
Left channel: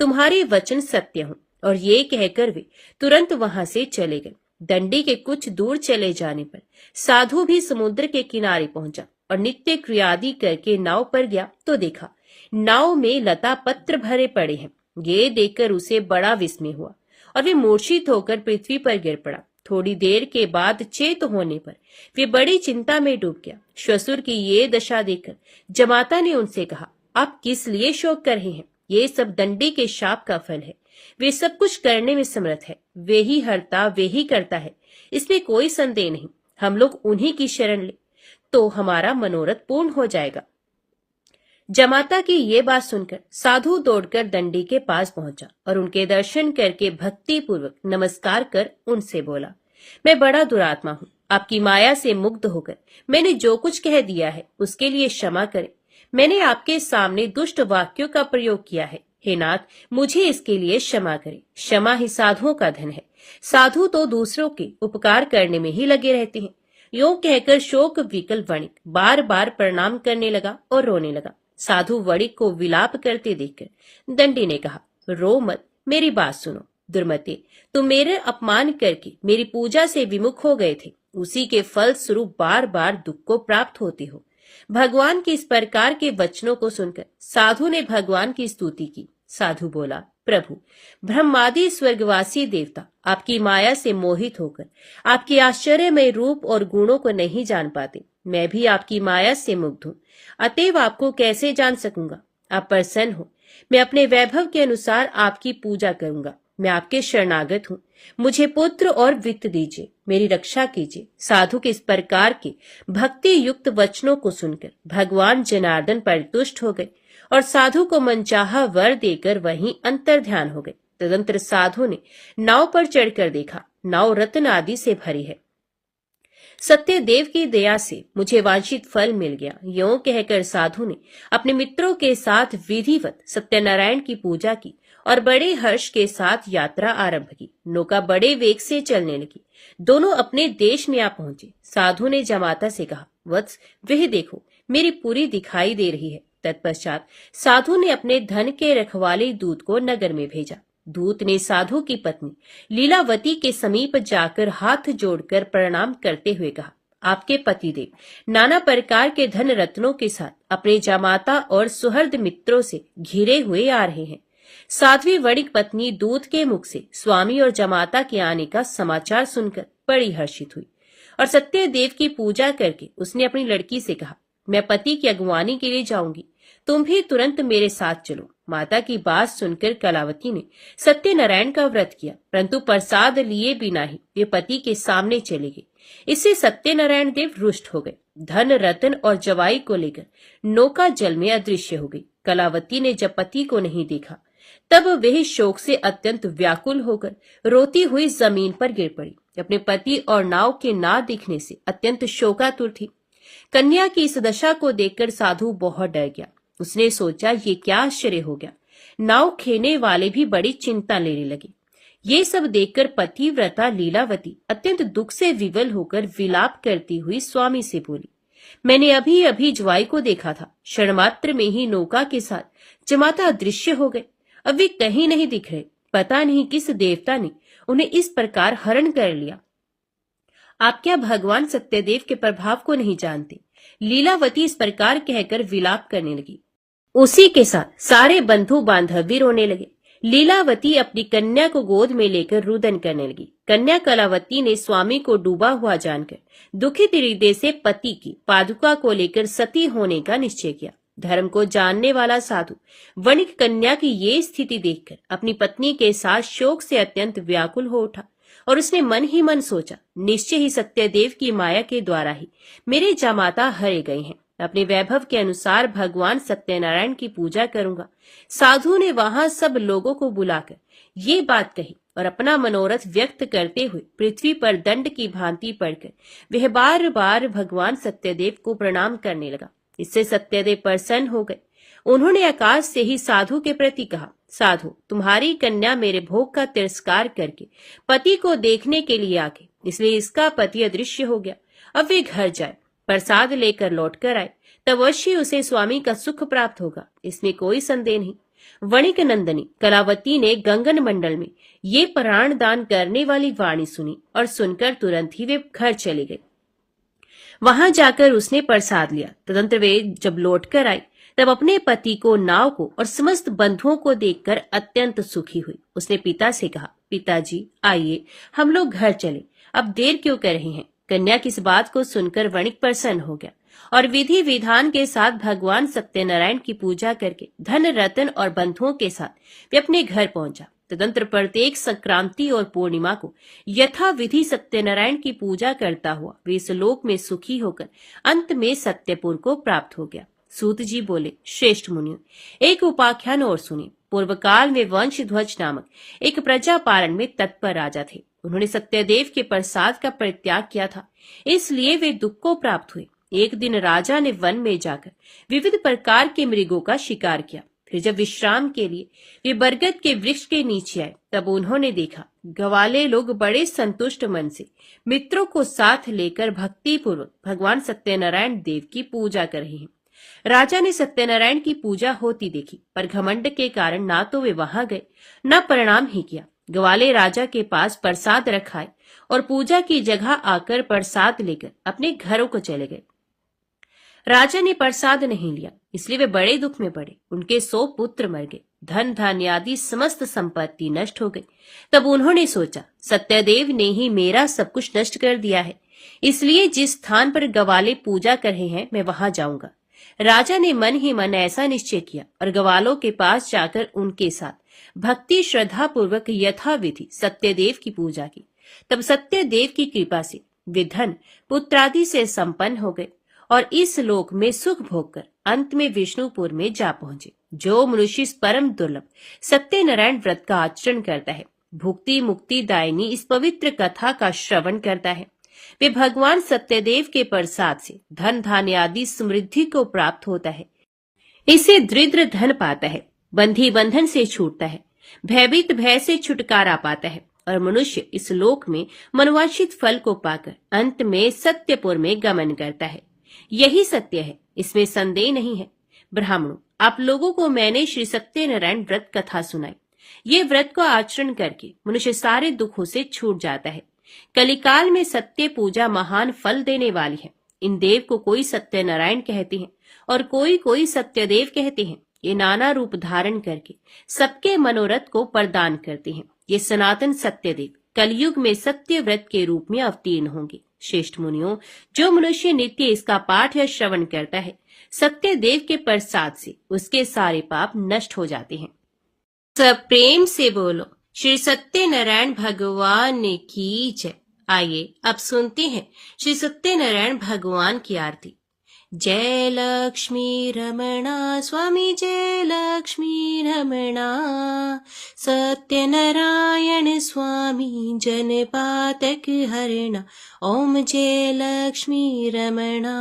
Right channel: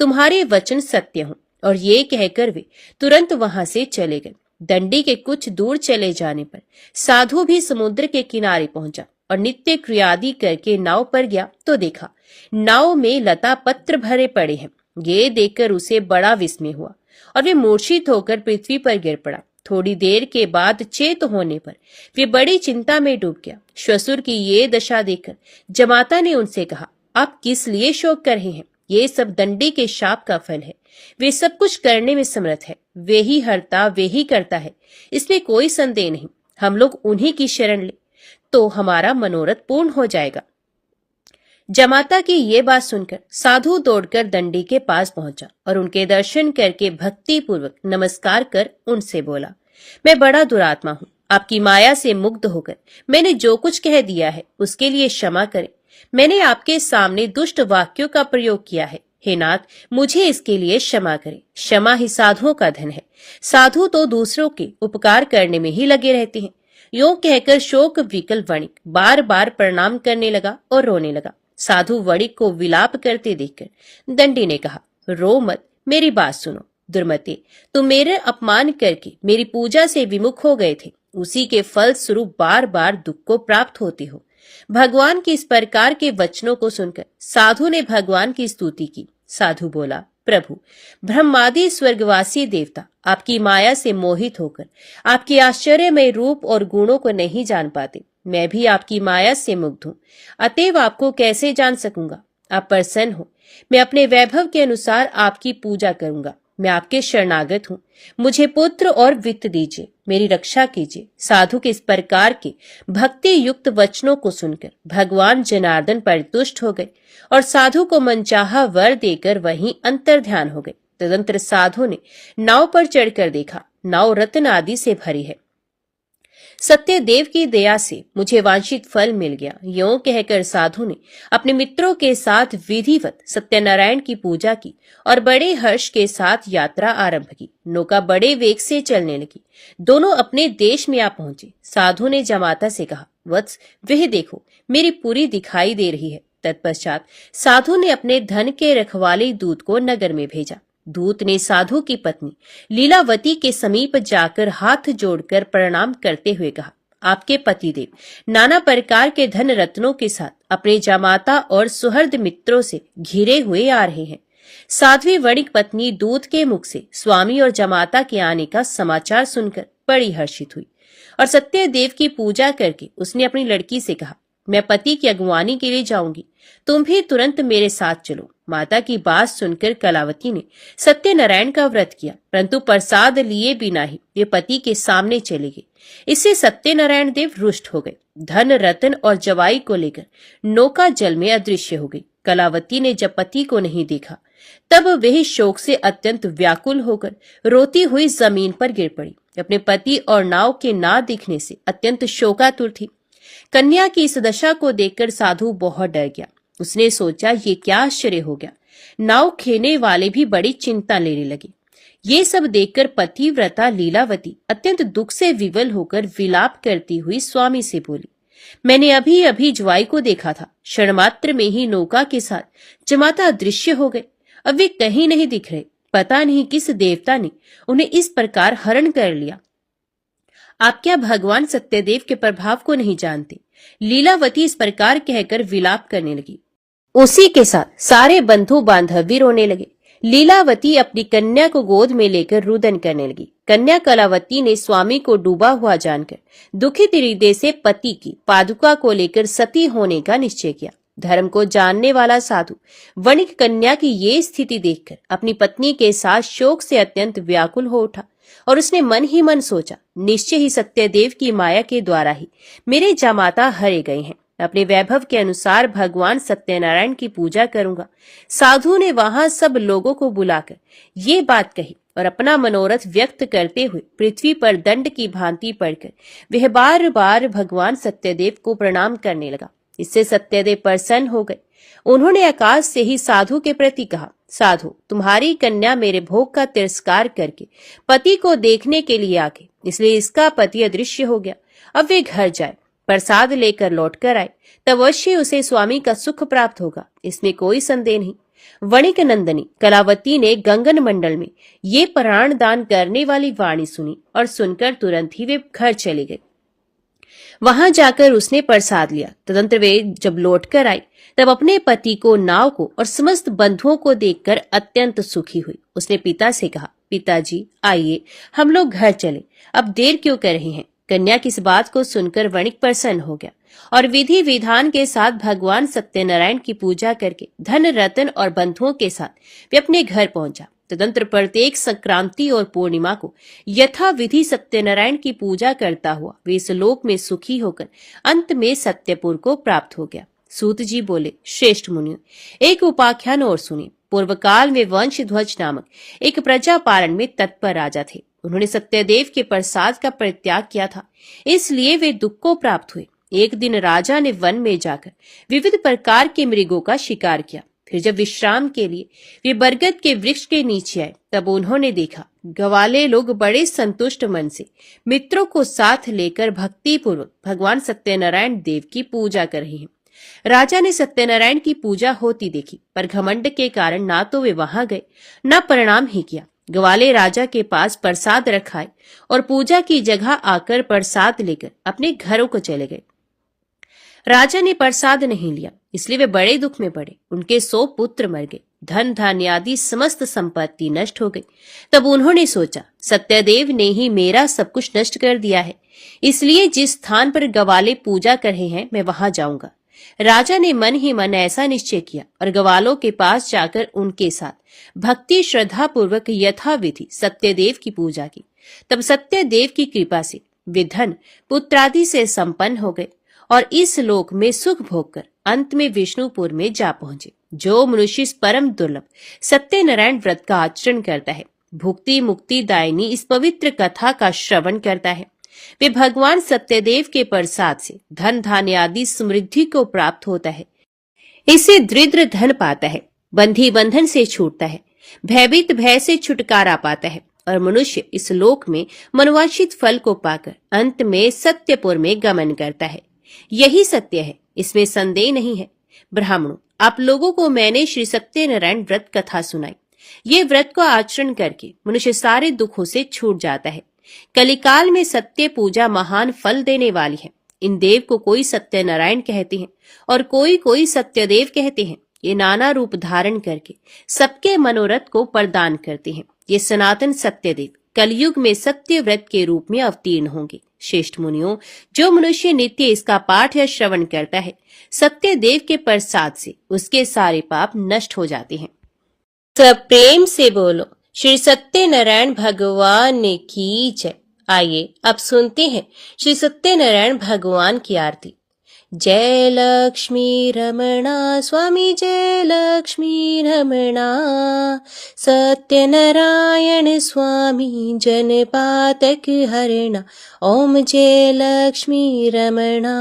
तुम्हारे वचन सत्य हो। और ये कहकर वे तुरंत वहां से चले गए। दंडी के कुछ दूर चले जाने पर साधु भी समुद्र के किनारे पहुंचा और नित्य क्रियादि करके नाव पर गया तो देखा नाव में लता पत्र भरे पड़े हैं। ये देखकर उसे बड़ा विस्मय हुआ और वे मूर्छित होकर पृथ्वी पर गिर पड़ा। थोड़ी देर के बाद चेत होने पर वे बड़ी चिंता में डूब गया। श्वशुर की ये दशा देखकर जमाता ने उनसे कहा, आप किस लिए शोक कर रहे हैं? ये सब दंडी के शाप का फल है। वे सब कुछ करने में समर्थ है, वे ही हरता वे ही करता है, इसमें कोई संदेह नहीं। हम लोग उन्हीं की शरण ले तो हमारा मनोरथ पूर्ण हो जाएगा। जमाता की ये बात सुनकर साधु दौड़कर दंडी के पास पहुंचा और उनके दर्शन करके भक्ति पूर्वक नमस्कार कर उनसे बोला, मैं बड़ा दुरात्मा हूँ, आपकी माया से मुग्ध होकर मैंने जो कुछ कह दिया है उसके लिए क्षमा करें। मैंने आपके सामने दुष्ट वाक्यों का प्रयोग किया है। हे नाथ, मुझे इसके लिए क्षमा करें। क्षमा ही साधुओं का धन है। साधु तो दूसरों के उपकार करने में ही लगे रहते हैं। यो कहकर शोक विकल वणिक बार बार प्रणाम करने लगा और रोने लगा। साधु वणिक को विलाप करते देखकर दंडी ने कहा, रो मत, मेरी बात सुनो। दुर्मते, तुम मेरे अपमान करके मेरी पूजा से विमुख हो गए थे। उसी के फल स्वरूप बार बार दुख को प्राप्त होते हो। भगवान की इस प्रकार के वचनों को सुनकर साधु ने भगवान की स्तुति की। साधु बोला, प्रभु, ब्रह्मादि स्वर्गवासी देवता आपकी माया से मोहित होकर आपके आश्चर्यमय रूप और गुणों को नहीं जान पाते। मैं भी आपकी माया से मुग्ध हूँ, अतएव आपको कैसे जान सकूंगा। आप प्रसन्न हो, मैं अपने वैभव के अनुसार आपकी पूजा करूंगा। मैं आपके शरणागत हूँ, मुझे पुत्र और वित्त दीजिए, मेरी रक्षा कीजिए। साधु के इस प्रकार के भक्ति युक्त वचनों को सुनकर भगवान जनार्दन परितुष्ट हो गए और साधु को मनचाहा वर देकर वहीं अंतर्ध्यान हो गए। तदंतर साधु ने नाव पर चढ़कर देखा, नाव रत्न आदि से भरी है। सत्यदेव की दया से मुझे वांछित फल मिल गया। यो कहकर साधु ने अपने मित्रों के साथ विधिवत सत्यनारायण की पूजा की और बड़े हर्ष के साथ यात्रा आरंभ की। नौका बड़े वेग से चलने लगी। दोनों अपने देश में आ पहुंचे। साधु ने जमाता से कहा, वत्स, वह देखो, मेरी पुरी दिखाई दे रही है। तत्पश्चात साधु ने अपने धन के रखवाले दूत को नगर में भेजा। दूत ने साधु की पत्नी लीलावती के समीप जाकर हाथ जोड़कर प्रणाम करते हुए कहा, आपके पतिदेव नाना प्रकार के धन रत्नों के साथ अपने जामाता और सुहृद मित्रों से घिरे हुए आ रहे हैं। साध्वी वणिक पत्नी दूत के मुख से स्वामी और जमाता के आने का समाचार सुनकर बड़ी हर्षित हुई और सत्यदेव की पूजा करके उसने अपनी लड़की से कहा, मैं पति की अगुवानी के लिए जाऊंगी, तुम भी तुरंत मेरे साथ चलो। माता की बात सुनकर कलावती ने सत्यनारायण का व्रत किया, परंतु प्रसाद लिए बिना ही वे पति के सामने चले गए। इससे सत्यनारायण देव रुष्ट हो गए। धन रतन और जवाई को लेकर नौका जल में अदृश्य हो गई। कलावती ने जब पति को नहीं देखा तब वह शोक से अत्यंत व्याकुल होकर रोती हुई जमीन पर गिर पड़ी। अपने पति और नाव के ना दिखने से अत्यंत शोकातुर थी। कन्या की इस दशा को देखकर साधु बहुत डर गया। उसने सोचा, ये क्या आश्चर्य हो गया। नाव खेने वाले भी बड़ी चिंता लेने लगे। ये सब देखकर पतिव्रता लीलावती अत्यंत दुख से विवल होकर विलाप करती हुई स्वामी से बोली, मैंने अभी अभी ज्वाई को देखा था। क्षण मात्र में ही नौका के साथ जमाता अदृश्य हो गए। अब वे कहीं नहीं दिख रहे। पता नहीं किस देवता ने उन्हें इस प्रकार हरण कर लिया। आप क्या भगवान सत्यदेव के प्रभाव को नहीं जानते। लीलावती इस प्रकार कहकर विलाप करने लगी। उसी के साथ सारे बंधु बांधव भी रोने लगे। लीलावती अपनी कन्या को गोद में लेकर रुदन करने लगी। कन्या कलावती ने स्वामी को डूबा हुआ जानकर दुखित हृदय से पति की पादुका को लेकर सती होने का निश्चय किया। धर्म को जानने वाला साधु वणिक कन्या की ये स्थिति देखकर अपनी पत्नी के साथ शोक से अत्यंत व्याकुल हो उठा और उसने मन ही मन सोचा, निश्चय ही सत्यदेव की माया के द्वारा ही मेरे जामाता हरे गए हैं। अपने वैभव के अनुसार भगवान सत्यनारायण की पूजा करूंगा। साधु ने वहां सब लोगों को बुलाकर ये बात कही और अपना मनोरथ व्यक्त करते हुए पृथ्वी पर दंड की भांति पड़कर वह बार बार भगवान सत्यदेव को प्रणाम करने लगा। इससे सत्यदेव प्रसन्न हो गए। उन्होंने आकाश से ही साधु के प्रति कहा, साधु, तुम्हारी कन्या मेरे भोग का तिरस्कार करके पति को देखने के लिए आ गई, इसलिए इसका पति अदृश्य हो गया। अब वे घर जाए, प्रसाद लेकर लौट कर आए, तब अवश्य उसे स्वामी का सुख प्राप्त होगा, इसमें कोई संदेह नहीं। वणिक नंदनी कलावती ने गंगन मंडल में ये प्राण दान करने वाली वाणी सुनी और सुनकर तुरंत ही वे घर चले गए। वहां जाकर उसने प्रसाद लिया। तदंतर वे जब लौट कर आई तब अपने पति को, नाव को और समस्त बंधुओं को देखकर अत्यंत सुखी हुई। उसने पिता से कहा, पिताजी आइए हम लोग घर चले, अब देर क्यों कर रहे हैं। कन्या की इस बात को सुनकर वणिक प्रसन्न हो गया और विधि विधान के साथ भगवान सत्यनारायण की पूजा करके धन रतन और बंधुओं के साथ वे अपने घर पहुंचा। तदंतर प्रत्येक संक्रांति और पूर्णिमा को यथा विधि सत्यनारायण की पूजा करता हुआ वे इस लोक में सुखी होकर अंत में सत्यपुर को प्राप्त हो गया। सूत जी बोले, श्रेष्ठ मुनियों, एक उपाख्यान और सुने। पूर्व काल में वंशध्वज नामक एक प्रजा पालन में तत्पर राजा थे। उन्होंने सत्यदेव के प्रसाद का परित्याग किया था, इसलिए वे दुख को प्राप्त हुए। एक दिन राजा ने वन में जाकर विविध प्रकार के मृगों का शिकार किया। फिर जब विश्राम के लिए वे बरगद के वृक्ष के नीचे आए, तब उन्होंने देखा ग्वाले लोग बड़े संतुष्ट मन से मित्रों को साथ लेकर भक्तिपूर्वक भगवान सत्यनारायण देव की पूजा कर रहे हैं। राजा ने सत्यनारायण की पूजा होती देखी, पर घमंड के कारण ना तो वे वहां गए, न प्रणाम ही किया। ग्वाले राजा के पास प्रसाद रखाए और पूजा की जगह आकर प्रसाद लेकर अपने घरों को चले गए। राजा ने प्रसाद नहीं लिया, इसलिए वे बड़े दुख में पड़े। उनके 100 पुत्र मर गए, धन धान्य आदि समस्त संपत्ति नष्ट हो गई। तब उन्होंने सोचा, सत्यदेव ने ही मेरा सब कुछ नष्ट कर दिया है, इसलिए जिस स्थान पर ग्वाले पूजा कर रहे हैं मैं वहां जाऊंगा। राजा ने मन ही मन ऐसा निश्चय किया और ग्वालों के पास जाकर उनके साथ भक्ति श्रद्धा पूर्वक यथाविधि सत्यदेव की पूजा की। तब सत्यदेव की कृपा से वे धन पुत्रादि से संपन्न हो गए और इस लोक में सुख भोग कर अंत में विष्णुपुर में जा पहुंचे। जो मनुष्य इस परम दुर्लभ सत्यनारायण व्रत का आचरण करता है, भुक्ति मुक्ति दायिनी इस पवित्र कथा का श्रवण करता है, वे भगवान सत्यदेव के प्रसाद से धन धान्य आदि समृद्धि को प्राप्त होता है। इसे दृढ़ धन पाता है, बंधी बंधन से छूटता है, भयभीत भय से छुटकारा पाता है और मनुष्य इस लोक में मनवांछित फल को पाकर अंत में सत्यपुर में गमन करता है। यही सत्य है, इसमें संदेह नहीं है। ब्राह्मणों, आप लोगों को मैंने श्री सत्यनारायण व्रत कथा सुनाई। ये व्रत को आचरण करके मनुष्य सारे दुखों से छूट जाता है। कलिकाल में सत्य पूजा महान फल देने वाली है। इन देव को कोई सत्यनारायण कहते हैं और कोई सत्यदेव कहते हैं। ये नाना रूप धारण करके सबके मनोरथ को प्रदान करते हैं। ये सनातन सत्यदेव कलयुग में सत्य व्रत के रूप में अवतीर्ण होंगे। श्रेष्ठ मुनियों, जो मनुष्य नित्य इसका पाठ या श्रवण करता है, सत्यदेव के प्रसाद से उसके सारे पाप नष्ट हो जाते हैं। सब प्रेम से बोलो, श्री सत्यनारायण भगवान की जय। आइए अब सुनते हैं श्री सत्यनारायण भगवान की आरती। जय लक्ष्मी रमणा स्वामी, जय लक्ष्मी रमणा, सत्यनारायण स्वामी जन पातक हरणा। ओम जय लक्ष्मी रमणा।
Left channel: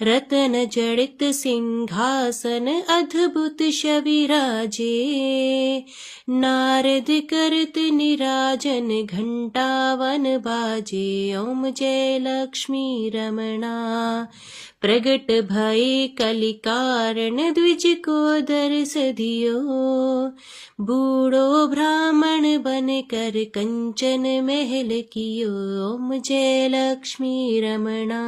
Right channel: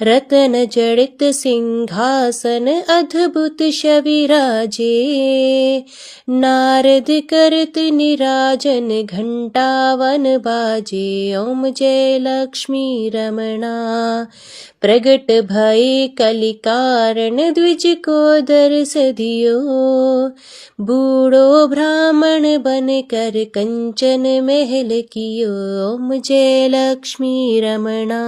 रतन जड़ित सिंहासन अद्भुत शविराजे, नारद करत निराजन घंटावन बाजे। ओम जय लक्ष्मी रमणा। प्रगट भय कलिकारण द्विज को दर्श दियो, बूढ़ो ब्राह्मण बन कर कंचन महल कियो। ओम जय लक्ष्मी रमणा।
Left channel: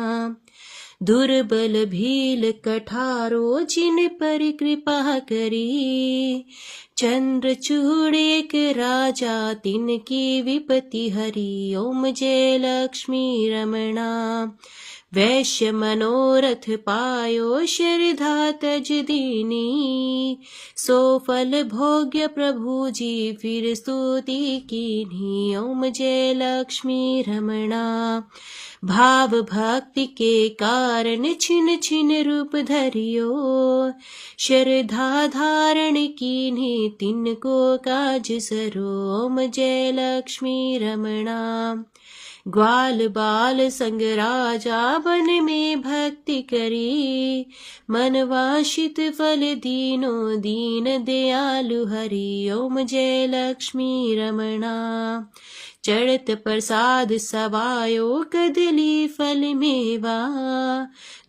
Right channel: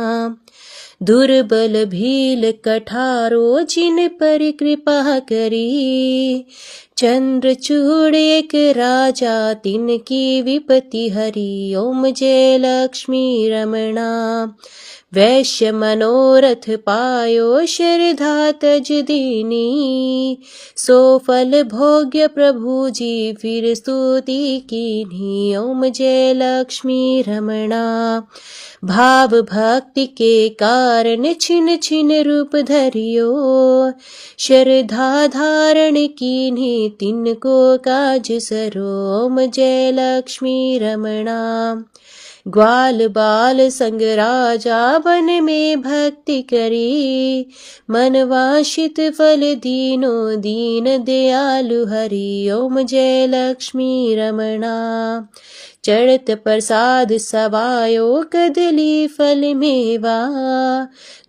दुर्बल भील कठारो जिन पर कृपा करी, चंद्रचूड़ एक राजा तिनकी विपत्ति हरी। ओम जय लक्ष्मी रमणा। वैश्य मनोरथ पायो श्रद्धा तज दीनी, सो फल भोग्य प्रभु जी फिर स्तुति कीन्ही। ओम जय लक्ष्मी रमणा। भाव भक्ति के कारण छिन छिन रूप धरियो, श्रद्धा धारण कीन्ही तिनको काज सरो। ओम जय लक्ष्मी रमणा। ग्वाल बाल संग राजा वन में भक्ति करी, मन वांछित फल दीनो दीन दयालु हरि। ओम जय लक्ष्मी रमणा। चढ़त प्रसाद सवायो कदली फल मेवा,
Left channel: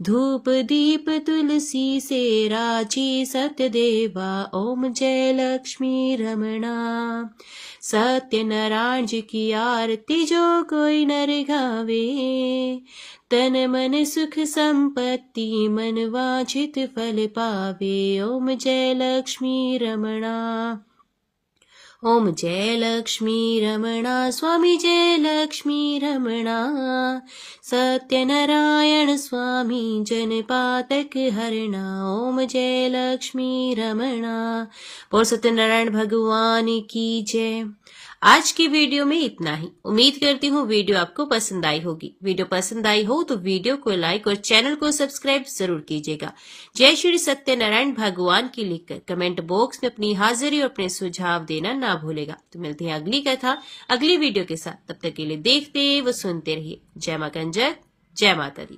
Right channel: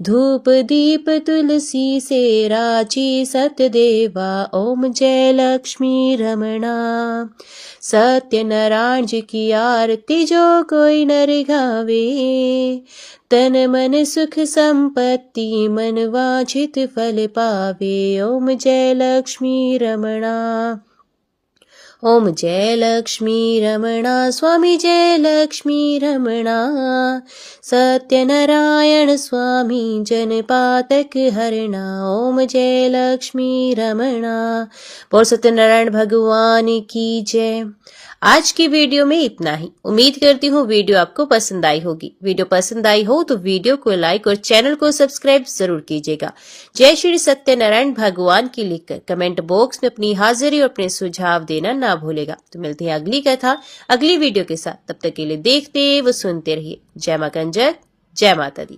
धूप दीप तुलसी से राची सतदेवा। ओम जय लक्ष्मी रमणा। सत्यनारायण जी की आरती जो कोई नर गावे, तन मन सुख संपत्ति मन वांछित फल पावे। ओम जय लक्ष्मी रमणा। ओम जय लक्ष्मी रमणा स्वामी, जय लक्ष्मी रमणा। सत्यनारायण स्वामी जन पातक हरणा। ओम जय लक्ष्मी रमणा। बोल सत्यनारायण भगवान की जय। आज की वीडियो में इतना ही। उम्मीद करती हूँ वीडियो आपको पसंद आई होगी। वीडियो पसंद आई हो तो वीडियो को लाइक और चैनल को सब्सक्राइब जरूर कीजिएगा। जय श्री सत्यनारायण भगवान की लिखकर कमेंट बॉक्स में अपनी हाजिरी और अपने सुझाव देना ना भूलेगा। तो मिलते हैं अगली कथा अगली वीडियो के साथ। तब तक के लिए देखते व सुनते रहिए। जय मां कंजक, जय माता दी।